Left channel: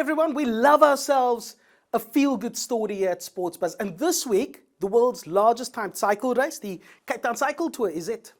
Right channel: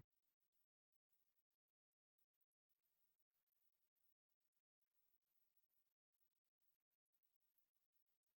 everyone. We love ourselves a feel-good story here at Sports Buzz. And this week, the world's largest timed cycle race, the Cape Town Cycle Tour, is it.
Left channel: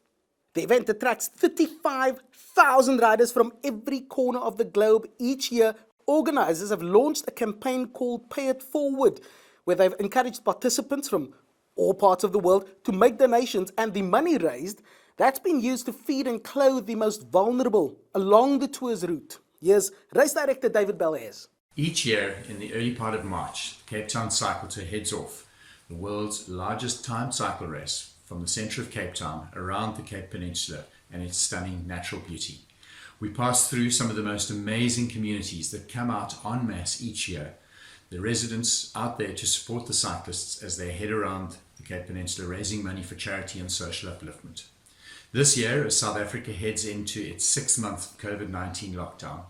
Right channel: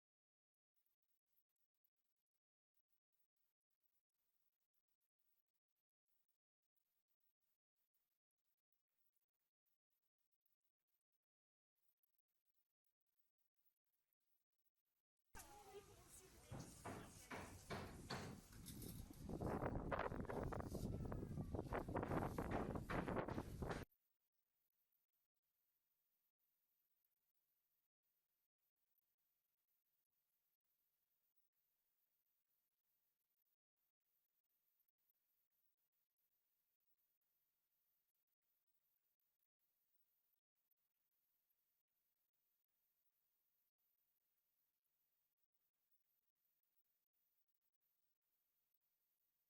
The event attracts 35,000 riders from every corner of the globe each year. Organizers have launched a campaign called Pay It Forward, where they've encouraged participants from all parts of the world to make donations, and the money raised, that's been used to feed and clothe the most vulnerable along the tour's route. Here's race director David Belaez. Each year, in the early part of March, the Cape Town Cycle Tour heads off, the world's largest timed cycle race from the centre of Cape Town around the Cape Peninsula and its stunning natural beauty. We pass through some of the most amazing communities that come out en masse each year. The residents out there to support the cyclists as they head around the Cape Peninsula raising money for charity and social upliftment. This year, as South Africa heads into its 6-month COVID-19 lockdown,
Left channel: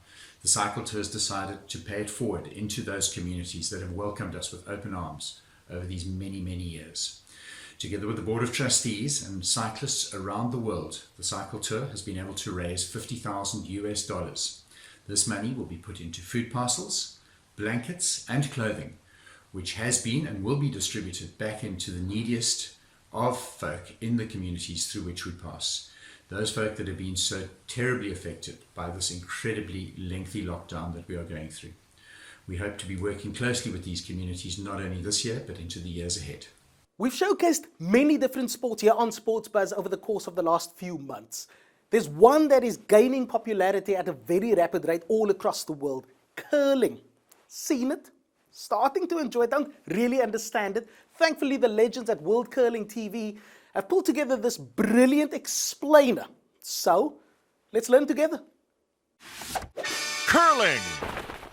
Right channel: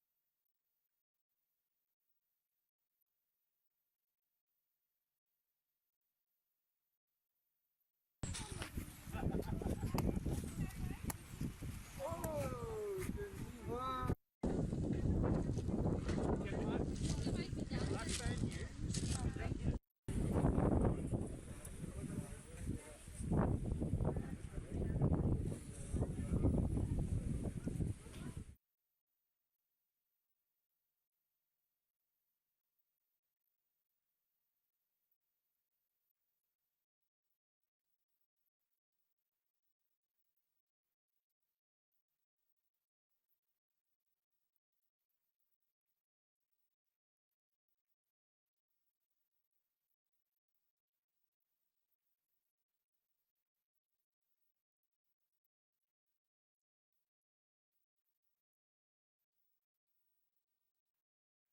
the Cycle Tour has decided to pay it forward into those communities that have welcomed us with open arms over these many, many years. Together with the Board of Trustees and cyclists around the world, the Cycle Tour has been able to raise $50,000. This money will be put into food parcels, blankets and clothing, which has been and will be distributed back into the neediest of folk in the communities through which we pass. Those folk that have been so terribly affected by this incredibly lengthy lockdown that we are going through. We hope to be working closely with these communities not only this year but into the years ahead. We've showcased many different sports here on Sports Buzz over the course of the last few months. There's one that is gaining popularity at a very rapid rate all across the world: curling. Seen it? Starting to enjoy it, don't really understand it. Thankfully, the legends at World Curling TV have pulled together this brilliant explainer. So, let's learn together. Curling,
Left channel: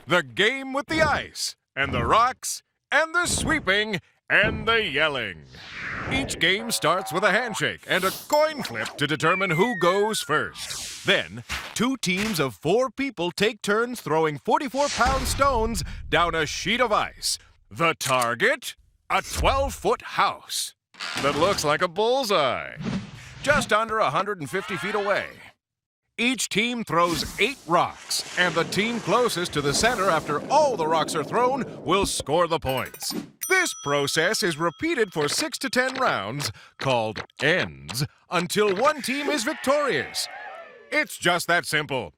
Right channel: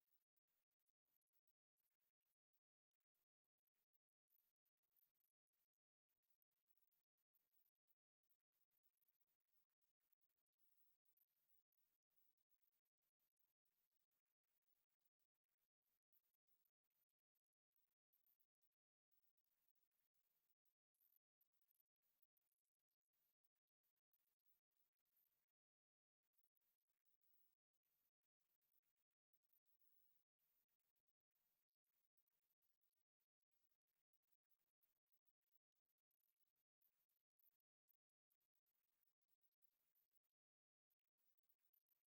the game with the ice, and the rocks, and the sweeping, and the yelling. Each game starts with a handshake and a coin flip to determine who goes first. Then, 2 teams of 4 people take turns throwing 44-pound stones down a sheet of ice. The target? A 12-foot house that looks like a bullseye, just under 150 feet away. Each team throws 8 rocks, and the team closest to the center after all the rocks are thrown will score the points. This process is repeated for 6 to 10 rounds, called ends, until one team is victorious. It's just that simple.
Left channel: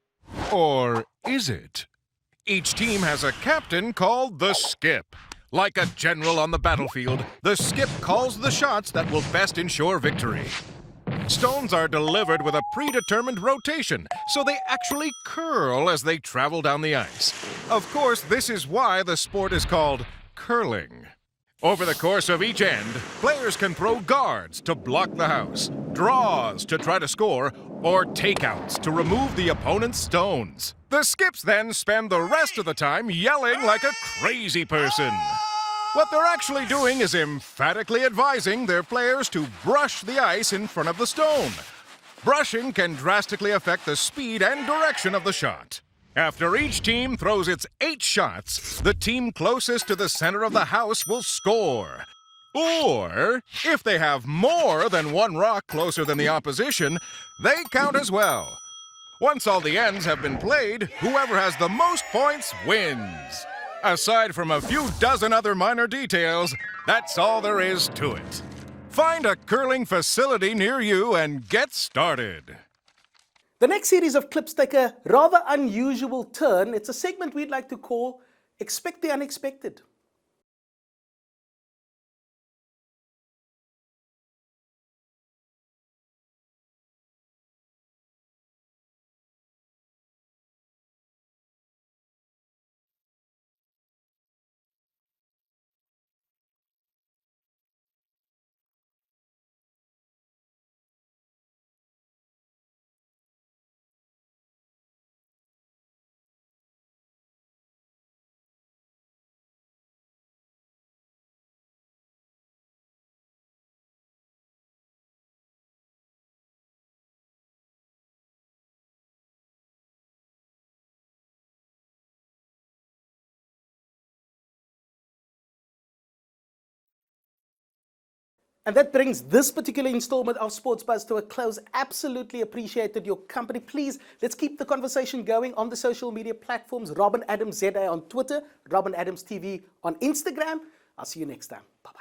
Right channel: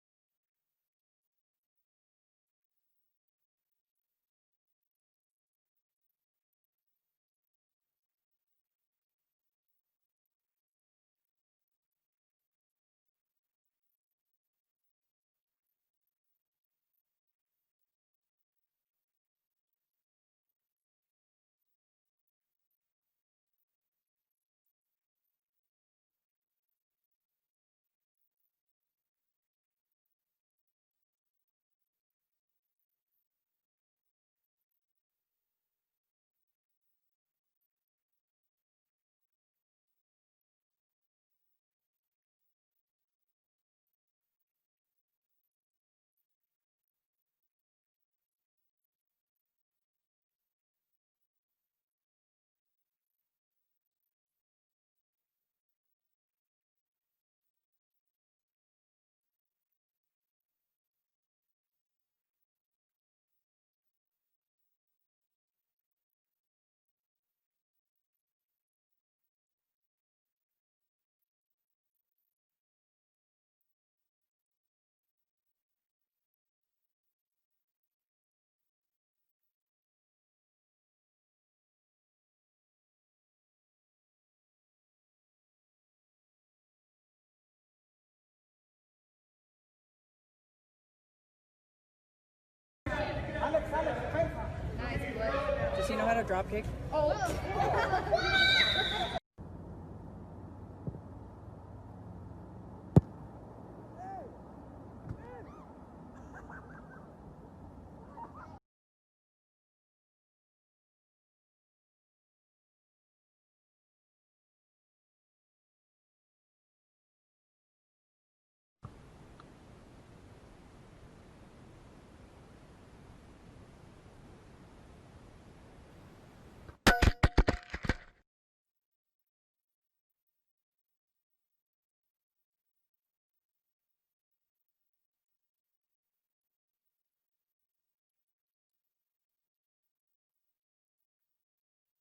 Or is it? Each team has a captain called the skip. Like a general on the battlefield, the skip calls the shots that will best ensure victory. Stones are delivered with a predetermined rotation, so they actually curl as they travel down the ice. Of course, this is why the sport is called curling. Over the course of each end, players can throw guards to block the house, draws to try to score, or takeouts to remove the opponent's stones. The skips then spend the rest of the time yelling like a crazy person. What they're actually doing is emphatically advising their players to brush the ice in front of the stone. Brushing can drastically affect the speed and direction of the shot. After each team throws its 8 shots, the team closest to the center of the house will score. Or, if they have more than 1 rock closer than the opposition, they count as well. Once all the ends have been played, whoever has the most points wins. Aside from a few dozen other minor details, that's all there is to it. Find a curling facility near you and get started. The next series of clips take a rather unusual turn. It's a segment we'd like to call Expect the Unexpected. Does he know how to drop kick? Oh. And that brings this particular installment of Sports Buzz to a close. Absolutely appreciated your company. Please, let's keep the conversation going on the social media platforms. Robin Adams ZA on Twitter, Robin Adams TV on Instagram. I'll see you next time. Bye-bye.